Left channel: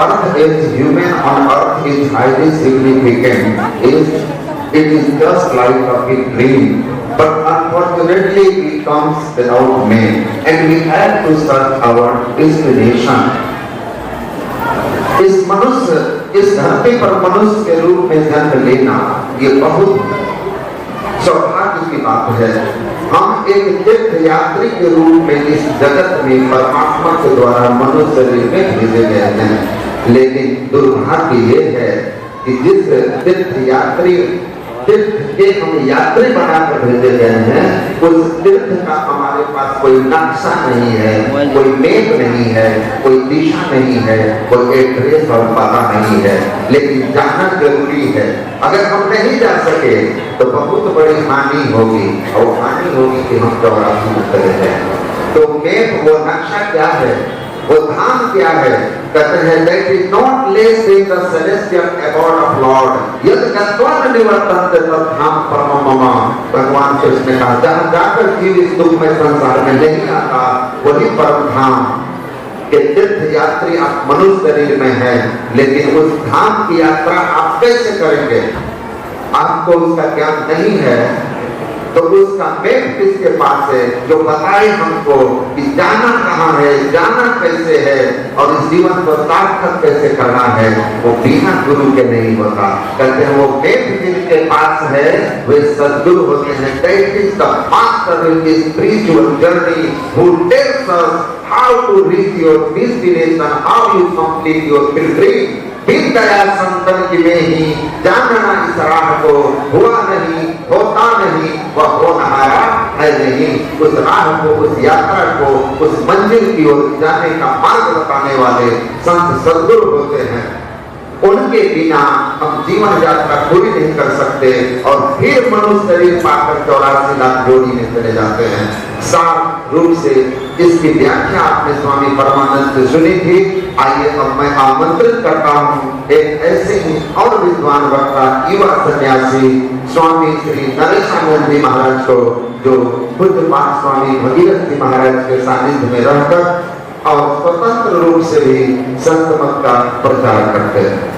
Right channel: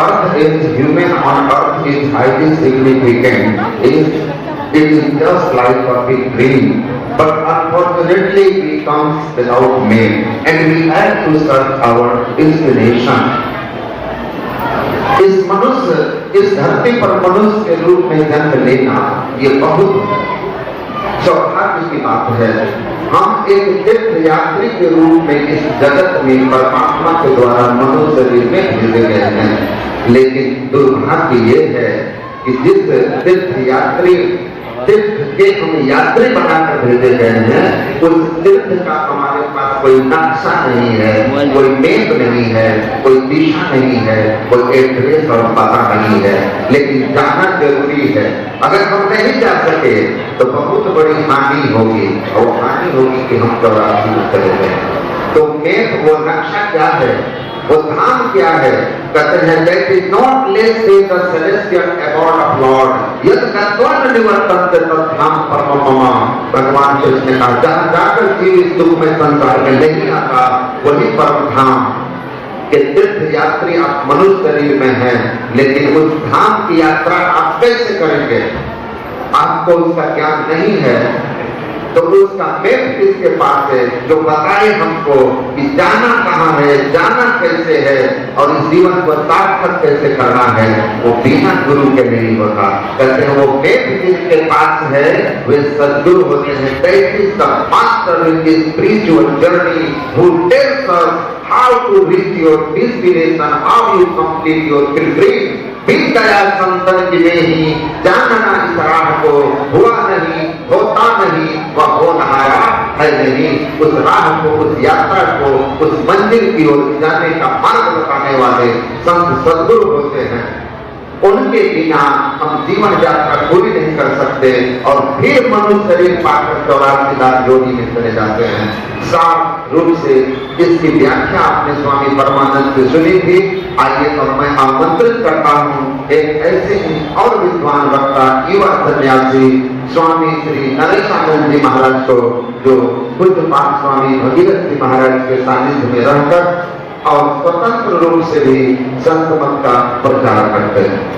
birth as human on earth is highly significant. It is just like a big dream, but unfortunately it comes without name, and we have to search our destination. इस धरती पर मनुष्य के रूप में जन्म लेना ये बहुत सौभाग्य की बात है। हम एक तीर्थ यात्री के रूप में इस जगत में परमात्मा के द्वारा मनुष्य शरीर में भेजे गए हैं, लेकिन दुर्भाग्य ये है कि जिस तीर्थ के हम यात्री बनाकर भेजे गए हैं, उस तीर्थ का हमारे पास कोई नक्शा नहीं है, कोई मैप नहीं है, कोई दिशा नहीं है, कोई एड्रेस और पता नहीं है, लेकिन जाना जरूरी है। अगर हम नहीं जा सके तो बहुत बड़ी हानि होगी, और हानि होगी कि हम चौरासी उतरे हैं। तो मैप, वो नक्शा क्या है, वो धाम क्या है? कहते हैं that is not less than the celestial abode of Lord। यदि तत्व निवर्तन के धाम परममम, भगवान कृष्ण ने कहा जहाँ जाकर जीव इस दुख में संसार में नहीं आता, वही परम धाम के तीर्थ यात्री आप मनुष्य शरीर में हैं, लेकिन उस धाम की यात्रा आप कैसे करेंगे? आपको उसका ज्ञान नहीं है, तो उसका मैप किसके पास है जो बताए हमको कि जाना कहाँ है, जाना कैसे है, और इस जीवन को सार्थक कैसे करना है? वो बिना गुरु के नहीं होता। कहते हैं वो मैप जिनके पास है वे सद्गुरु होते हैं। That is the master in this spiritual journey who tells us how to reach your destination, how you complete your pilgrimage। बिन दया संतन की में ही जानना इस राह को, हुआ नहीं, होता नहीं, वह होनहारा है नहीं। उस राह को, उस यात्रा को, उस मंजिल की ओर जाने का मार्ग बताने वाले संत सद्गुरु होते हैं। उनके बिना हम जीवन यात्रा पूरी नहीं कर सकते, और फिर मनुष्य शरीर पाकर 84 लाख जोड़ी में चले जाते हैं। साफ रूप से इसकी व्याख्या आपने स्वामी परमानंद से सुनी थी। आइए अब मैं आमंत्रित करता हूँ एक ऐसे और विद्वान वक्ता, युवा सन्यासी स्वामी श्री नरेशानंद जी महाराज को, जो बुद्ध पाठ स्वामी भगीरथ जी महाराज के सानिध्य में रहकर और स्वतंत्र रूप से भी संत मत का प्रचार करते हैं।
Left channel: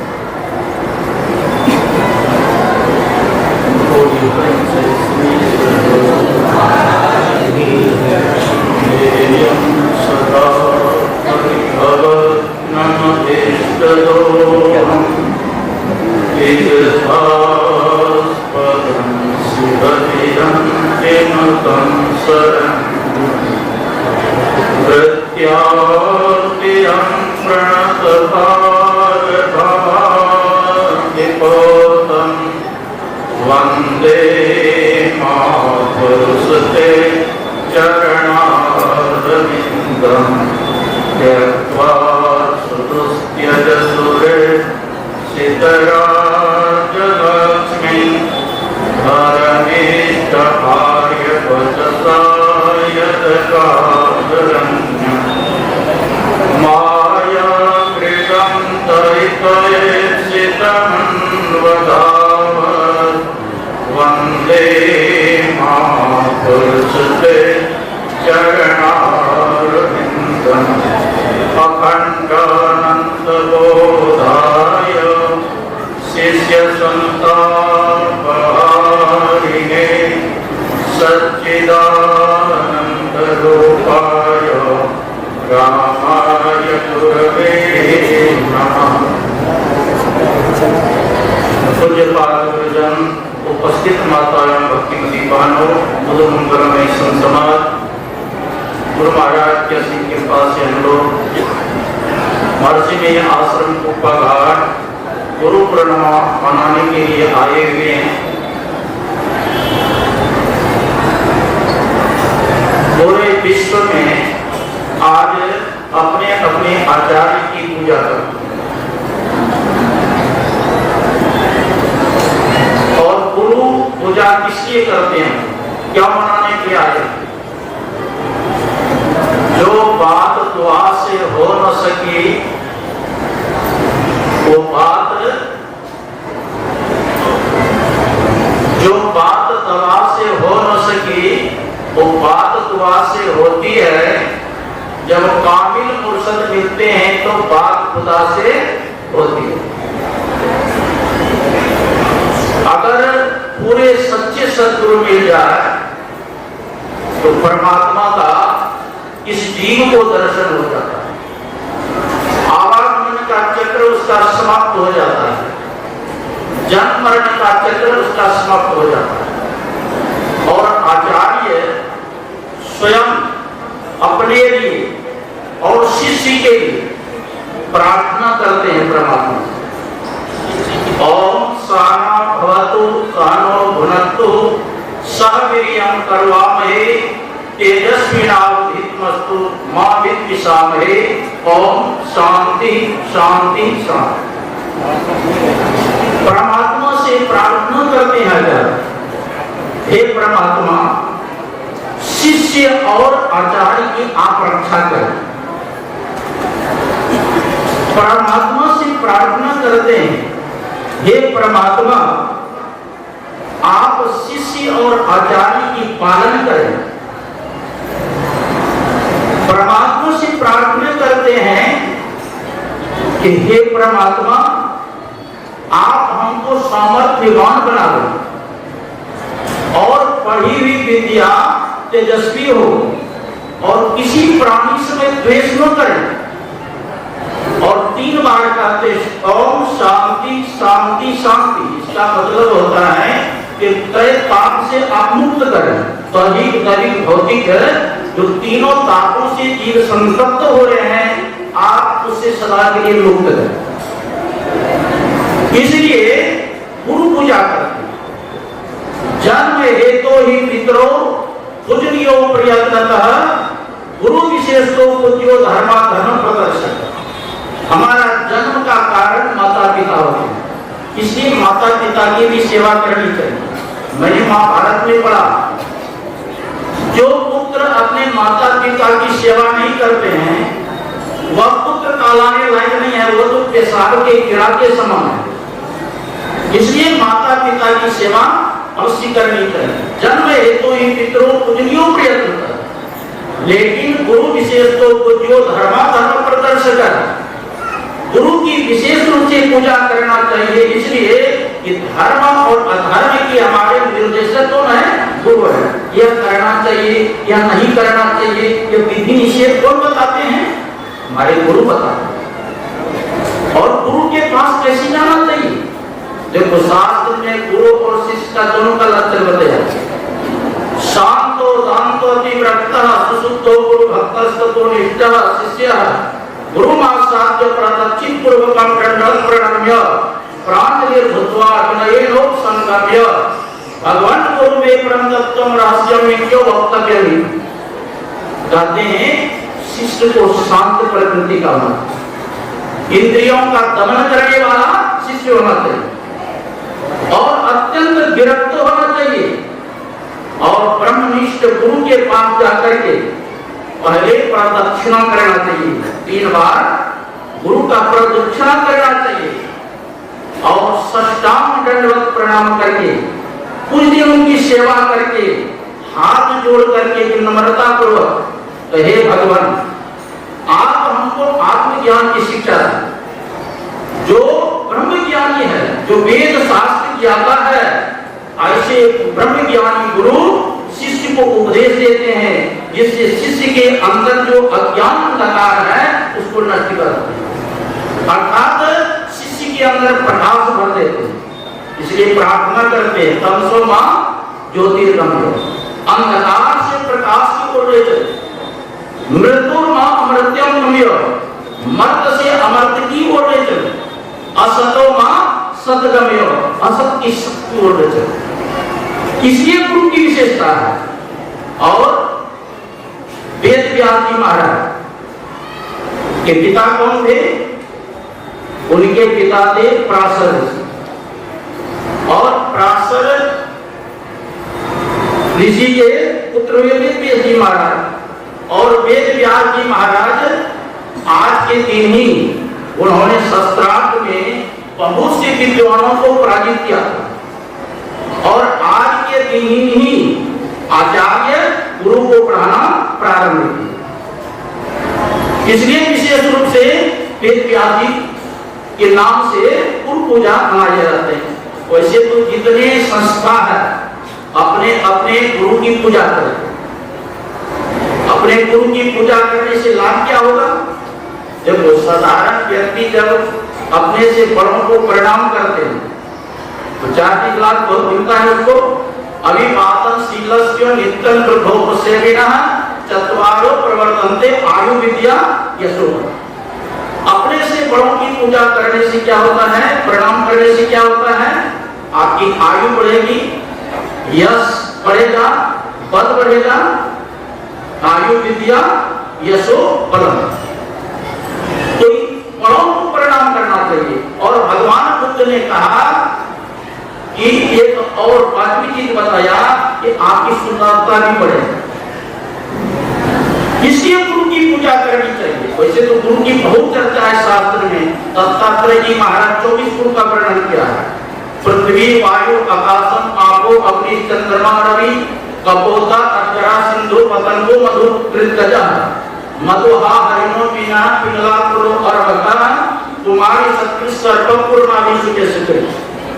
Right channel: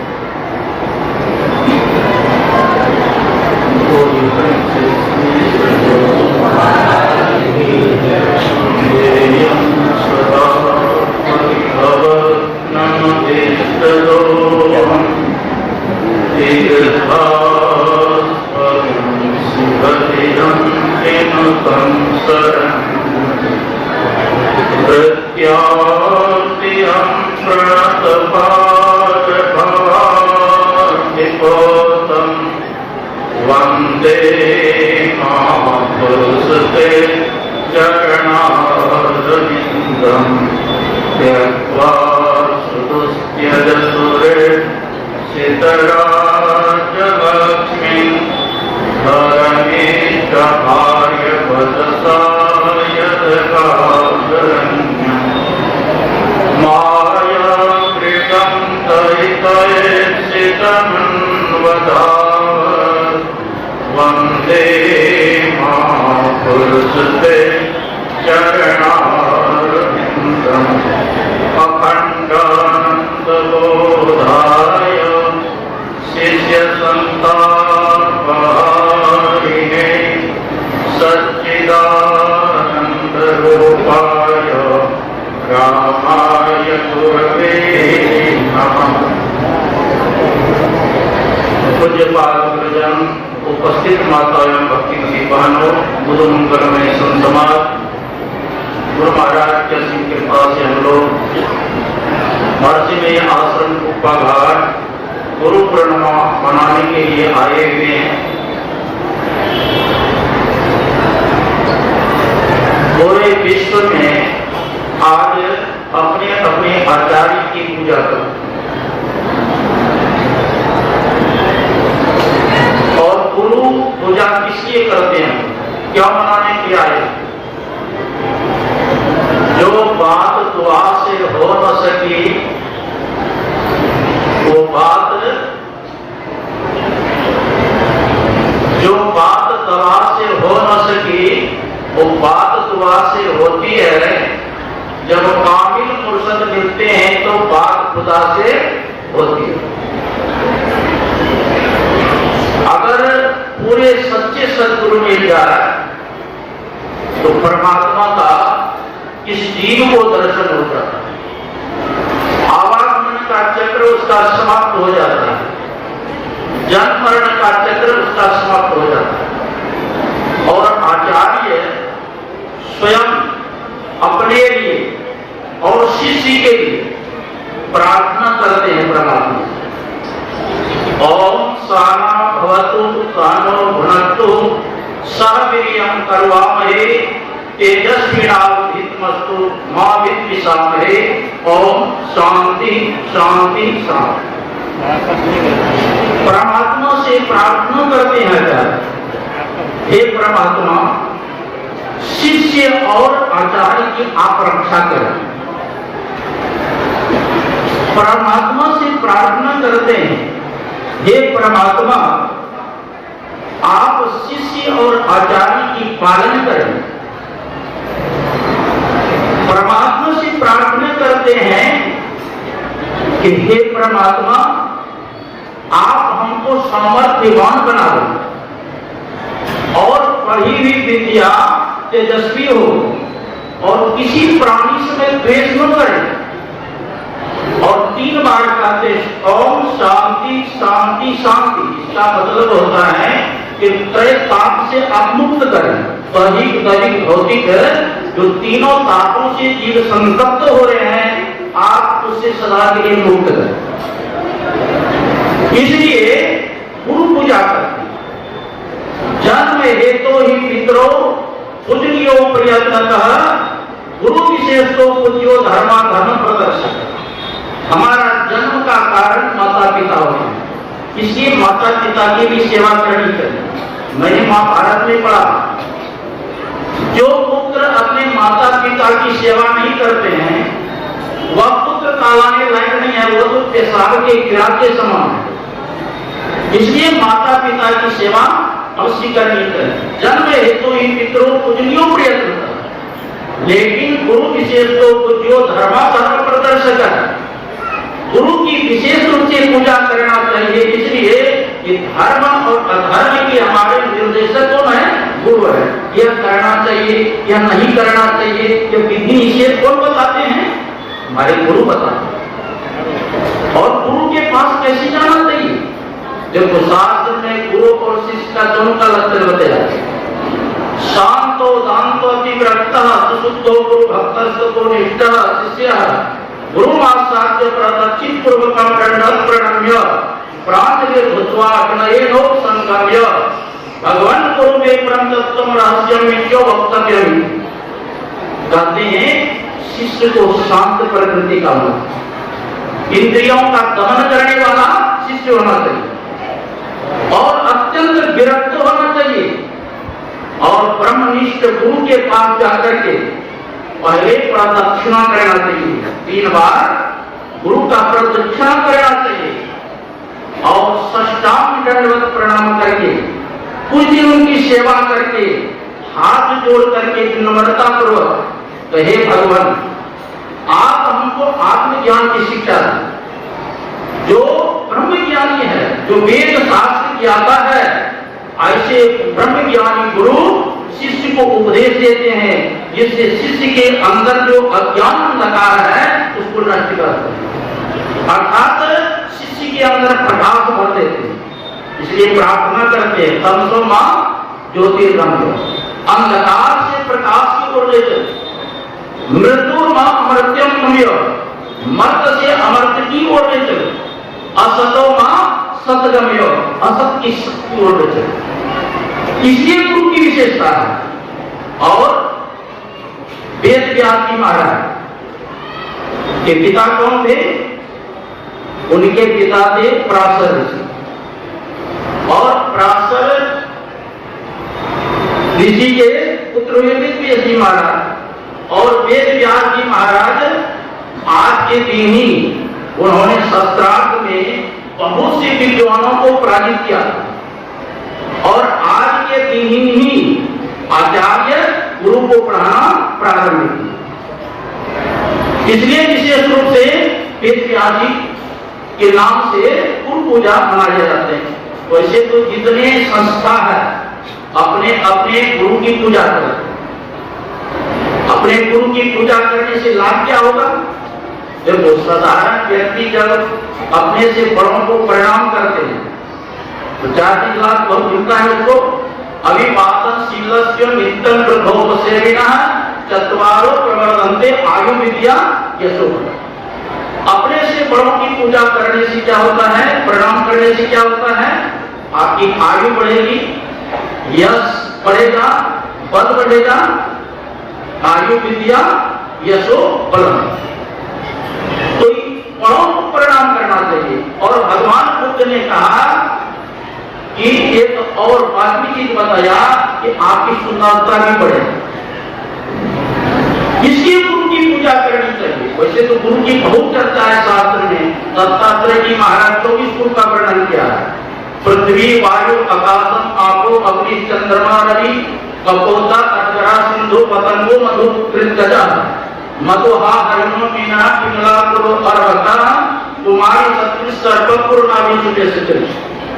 उपस्थित माता एवं भक्ति दीपानो गुरु मंगल में समाज गुरु महाराज के सिंह के पास से हम लोग महर्षि में आश्रम कुप्पा घाट गुरु पूर्णिमा मनाने के लिए आए हुए हैं। पूरे विश्व में आज अपने अपने आचार्य की पूजा करो, और गुरु पूजा किसलिए करते हैं, क्या मनाने के आए? जो बात दुआ से हो न सकी वो बात, जो बात दवा से हो न सकी वो बात दुआ से होती है। जब कामिल मुर्शद मिलते हैं तो बात खुदा से होती है। अगर पूरे सच्चे सद्गुरु मिल जाए तो परमात्मा का इस जीव को दर्शन हो जाता है, आवागमन का चक्र उसका समाप्त हो जाता है, जन्म मरण का चक्र उसका समाप्त हो जाता है। और आचार्य स्वयं अपने लिए और शिष्य के लिए प्रार्थना करते हैं परमात्मा से। ओम सहना भवतु सहनो भुनक्तु सह वीर्यं करवावहै तेजस्विनावधीतमस्तु मा विद्विषावहै। ओम शांति शांति शांति। परमात्मा से प्रार्थना करते हैं आचार्य, हे परमात्मा शिष्य और आचार्य की आप रक्षा करें। परमात्मा से प्रार्थना करते हैं, हे परमात्मा आप शिष्य और आचार्य की पालन करें। परमात्मा से प्रार्थना करते हैं कि हे परमात्मा आप हमको सामर्थ्यवान बना दो और पढ़ी हुई विद्या तेजस्वी हो और किसी प्राणी से द्वेष न करें। और 3 बार कहते ओम शांति शांति शांति। इसका मतलब होता है कि तय ताप से आप मुक्त करें, दैहिक दैविक भौतिक जो तीनों तापों से जीव संतप्त हो रहे हैं आप उससे सदा के लिए मुक्त करें। इसलिए गुरु पूजा करते जन्म हेतु ही पितरो पूजनीयो प्रयत्नतः गुरु विशेष को पूज्यो धर्मा धर्म प्रदर्शक। हमारा जन्म का कारण माता पिता होते हैं, इसलिए माता पिता की भी सेवा करनी चाहिए। मैंने महाभारत में पढ़ा, जो पुत्र अपने माता पिता की सेवा नहीं करते हैं वह पुत्र कहलाने लायक नहीं है, वो तो पेशाब के कीड़ा के समान है। इसलिए माता पिता की सेवा अवश्य करनी चाहिए। जन्म हेतु ही पितरों पूजनीयो प्रयत्न, लेकिन गुरु विशेष को पूज्यो धर्मा धर्म प्रदर्शक। गुरु की विशेष रूप से पूजा करना चाहिए, इसलिए कि धर्म और अधर्म की हमारे निर्देशक कौन है? गुरु है। यह करना चाहिए या नहीं करना चाहिए, ये विधि निषेध कौन बताते हैं? हमारे गुरु बताते हैं। और गुरु के पास कैसे जाना चाहिए? देखो शास्त्र में गुरु और शिष्य का दोनों का लक्षण बताया है। शांतो दांतो अतिव्रतः सुसुद्धो गुरु भक्तस्तो निष्ठः शिष्यः गुरु मासाद्य प्रदक्षिण पूर्वकं प्रणम्य प्रांजलि धृत्वा विनयेनो संगम्य भगवान गुरु में परम तत्वम रहस्यम विद्यो वक्तव्यम। कहते हैं शिष्य को शांत प्रकृति का होना, इंद्रियों का दमन करने वाला शिष्य होना चाहिए और अत्यंत विरक्त होना चाहिए। और ब्रह्मनिष्ठ गुरु के पास जाकर के पहले प्रदक्षिणा करना चाहिए, 3 बार गुरु का प्रदक्षिणा करना चाहिए और साष्टांग दंडवत प्रणाम करके कुछ दिन उनकी सेवा करके हाथ जोड़ करके विनम्रता पूर्वक, हे भगवान आप हमको आत्मज्ञान की शिक्षा दें। जो ब्रह्म ज्ञानी है, जो वेद शास्त्र ज्ञाता है, ऐसे ब्रह्म ज्ञानी गुरु शिष्य को उपदेश देते हैं, जिससे शिष्य के अंदर जो अज्ञान अंधकार है उसको नष्ट करते हैं, अर्थात शिष्य के अंदर प्रकाश भर देते हैं। इसलिए प्रार्थना करते हैं तमसो मां ज्योतिर्गमय, अंधकार से प्रकाश की ओर ले चलो। मृत्यु मां अमृत्यम गम्य, मर्त से अमर्त की ओर ले चलो। असतो मां सतगम्य, असत की शक्ति ओर ले चलो। इसलिए गुरु की विशेषता है। और वेद व्यास जी महाराज के पिता कौन थे? उनके पिता थे पराशर ऋषि, और पराशर ऋषि के पुत्र हुए वेद जी महाराज। और वेद व्यास जी महाराज आज के दिन ही उन्होंने शस्त्रार्थ में बहुत से विद्वानों को पराजित किया और आज के दिन ही आचार्य गुरु को पढ़ाना प्रारंभ किया। इसलिए विशेष रूप से वेद व्याधि के नाम से गुरु पूजा मनाए जाते हैं। वैसे तो जितने संस्था है अपने अपने गुरु की पूजा करते हैं। अपने गुरु की पूजा करने से लाभ क्या होगा? जब वो साधारण व्यक्ति जब अपने से बड़ों को प्रणाम करते हैं तो 4 लाख बहुत मिलता है उसको। अभी पापन शीलस्य नित्यं ब्रह्मोप सेविनः चत्वारो प्रवर्तन्ते आयु विद्या यशो। अपने से बड़ों की पूजा करने से क्या होता है? प्रणाम करने से क्या होता है? आपकी आयु बढ़ेगी, यश बढ़ेगा, बल बढ़ेगा। आयु विद्या यशो बल। तो बड़ों को प्रणाम करना चाहिए। और भगवान बुद्ध ने कहा कि एक और बात भी चीज बताया कि आपकी सुंदरता भी बढ़ेगी, इसलिए गुरु की पूजा करनी चाहिए। वैसे तो गुरु की बहुत चर्चा है शास्त्र में। दत्तात्रेय जी महाराज 24 गुरु का वर्णन किया है। पृथ्वी वायु आकाशम आपो अग्नि चंद्रमा रवि कपोता अजरा सिंधु पतंगो मधु कृतजा मधुहा हरिमो मीना पिंगला कुरु अर्वका कुमारी सत्य सर्वपूर्णावि सुखे सुखे।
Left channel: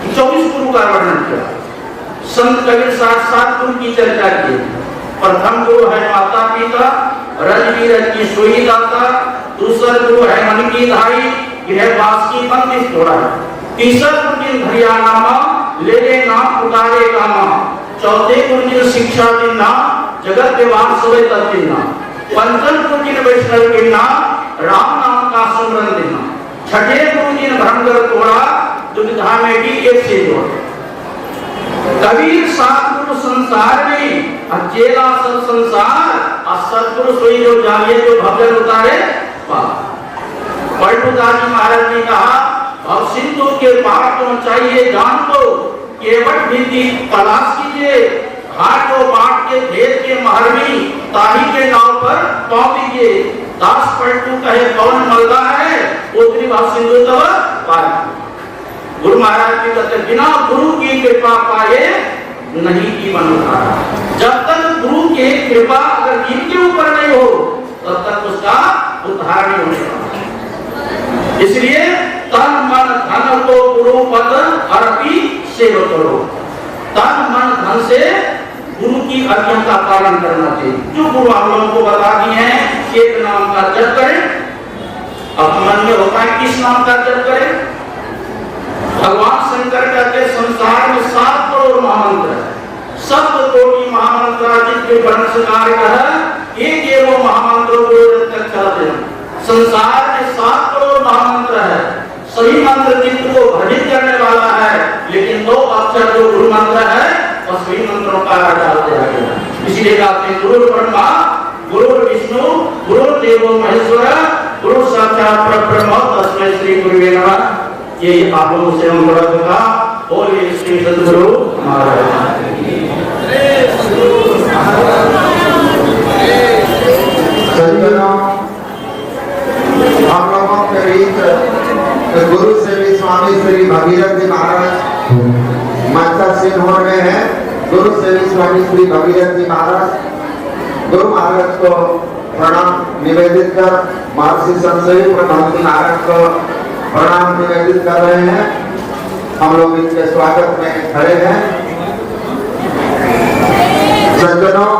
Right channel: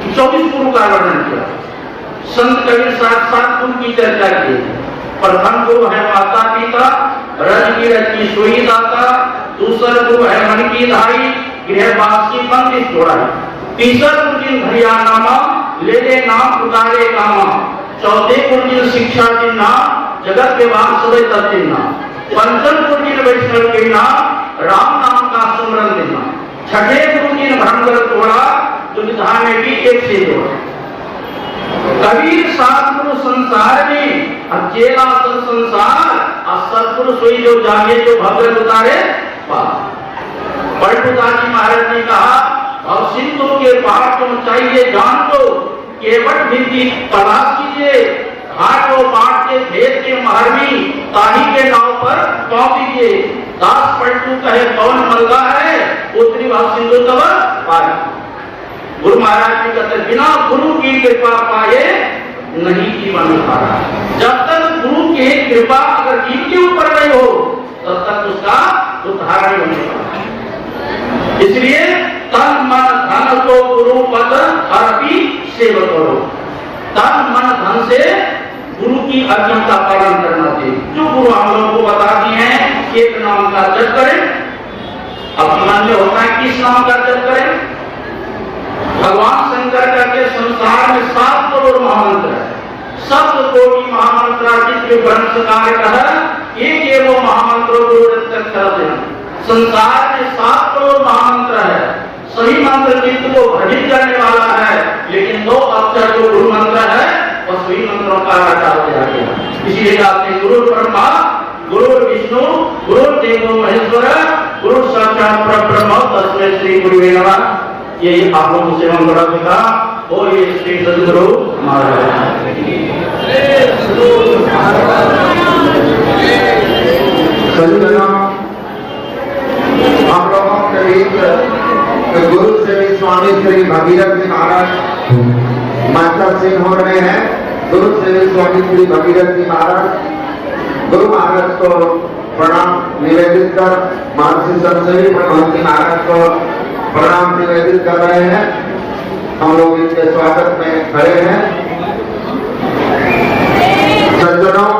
24 गुरु का वर्णन किया। संत कबीर साथ गुरु की चर्चा की। प्रथम गुरु है माता पिता, रज की सोई दाता। दूसरा गुरु है मन की धाई, गृहवास की बंदिश तोड़ा। तीसरा गुरु जिन भैया नामा, ले ले नाम पुकारे कामा। चौथे गुरु जिन शिक्षा के नाम, जगत के वास सोए तत्व नाम। पंचम गुरु जिन वैष्णव के नाम, राम नाम का सुमरन देना। छठे गुरु जिन भंगर तोड़ा, दुविधा में भी एक से जोड़ा। कबीर सतगुरु संसार में, अब चेला सब संसार, और सतगुरु सोई जो जागे जो भव्य उतारे। पलटूदास महाराज ने कहा अब सिंधु के पार पहुंचाइए जान को, केवट भी तलाश कीजिए। घाट को बाट के भेद के महरमी, ताही के नाव पर पाँव दीजिए। दास पलटू कहे कौन मलगा है, उतरी भाव सिंधु तब पार। गुरु महाराज जी कहते बिना गुरु की कृपा पाए नहीं जीवन उधारा। जब तक गुरु की कृपा अगर इनके ऊपर नहीं हो तब तक उसका उद्धार नहीं होने वाला। इसलिए तन मन धन को गुरु पद अर्पी सेवा करो। तन मन धन से गुरु की आज्ञा का पालन करना चाहिए। जो गुरु हम लोगों को बता दिए हैं, एक नाम का जप करें। अब मन में होता है किस नाम का जप करें? भगवान शंकर का के संसार में 7 करोड़ महामंत्र है। 7 कोटि महामंत्र जितने वंशकार का है, एक वो महामंत्रों को तक चलते हैं। संसार में 7 करोड़ महामंत्र है। सही मंत्र चित्त को भजित करने वाला है, लेकिन 2 अक्षर जो गुरु मंत्र है और सही मंत्रों का डाल दिया गया। इसीलिए कहते हैं गुरु ब्रह्मा गुरु विष्णु गुरु देवो महेश्वर गुरु साक्षात परब्रह्म तस्मै श्री गुरुवे नमः। ये आप लोगों से हम बड़ा होगा। और ये श्री सद्गुरु महाराज हम लोगों के बीच गुरु श्री स्वामी श्री भगीरथ जी महाराज माता सिंह हो रहे हैं। गुरु श्री स्वामी श्री भगीरथ जी महाराज गुरु महाराज को प्रणाम निवेदित कर महर्षि संतसेवी ब्रह्मंती महाराज को प्रणाम निवेदित कर रहे हैं। हम लोग इनके स्वागत में खड़े हैं। सज्जनों,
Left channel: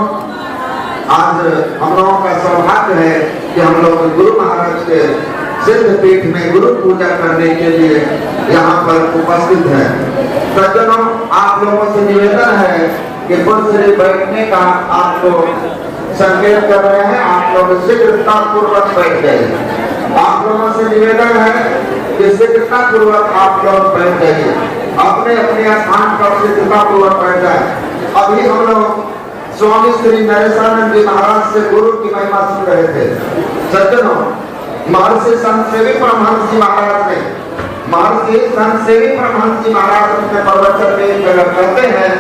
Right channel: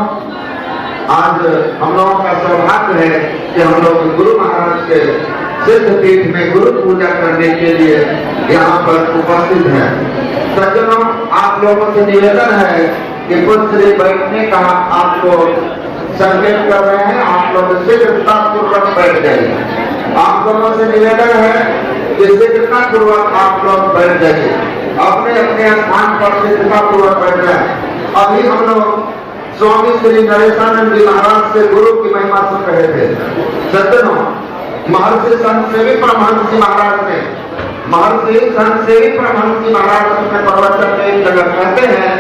आज हम लोगों का सौभाग्य है कि हम लोग गुरु महाराज के सिद्ध पीठ में गुरु पूजा करने के लिए यहाँ पर उपस्थित हैं। सज्जनों, आप लोगों से निवेदन है कि कुछ बैठने का आपको संकेत कर रहे हैं। आप लोग शीघ्रता पूर्वक बैठ जाइए। आप लोगों से निवेदन है कि शीघ्रता पूर्वक आप लोग बैठ जाइए। अपने अपने स्थान पर शीघ्रता पूर्वक बैठ जाए। अभी हम लोग स्वामी श्री नरेशानंद जी महाराज से गुरु की महिमा सुन रहे थे। सज्जनों, महर्षि संतसेवी परमहंस जी महाराज ने महर्षि संतसेवी परमहंस जी महाराज अपने प्रवचन में एक जगह कहते हैं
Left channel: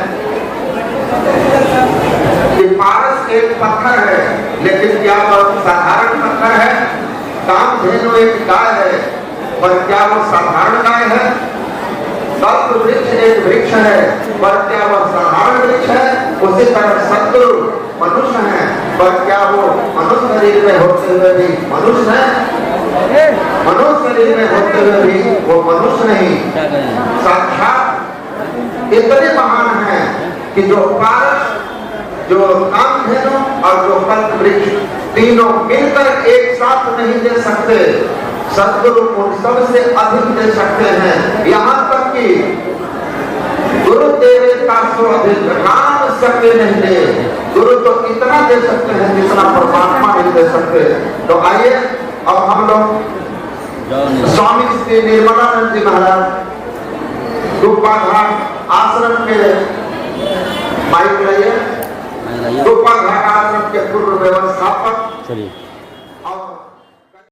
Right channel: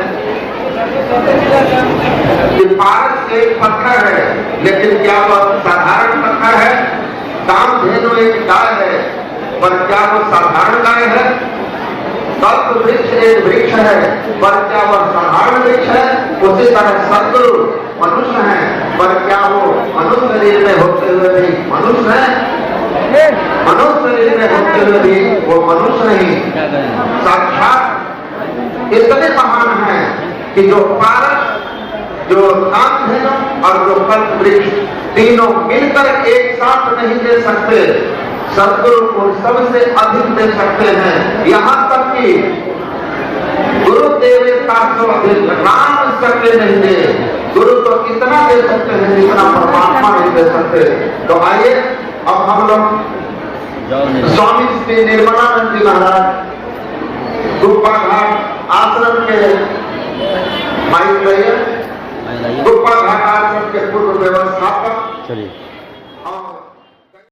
कि पारस एक पत्थर है, लेकिन क्या वह साधारण पत्थर है? कामधेनु एक गाय है, पर क्या वह साधारण गाय है? कल्प वृक्ष एक वृक्ष है, पर क्या वह साधारण वृक्ष है? उसी तरह सद्गुरु मनुष्य है, पर क्या वो मनुष्य शरीर में होते हुए भी मनुष्य है? मनुष्य शरीर में होते हुए भी वो मनुष्य नहीं, साक्षात इतने महान हैं कि जो पारस, जो कामधेनु और जो कल्पवृक्ष तीनों मिलकर एक साथ नहीं दे सकते, सदगुरु को सबसे अधिक दे सकते हैं। यहाँ तक कि गुरु तेरे तासो अधिक राम सके नहीं दे, गुरु तो इतना दे सकते हैं जितना परमात्मा नहीं दे सकते। तो आइए अब हम लोग स्वामी श्री निर्मलानंद जी महाराज रूपा घाट आश्रम के माइक रहिए, रूपा घाट आश्रम के पूर्व व्यवस्थापक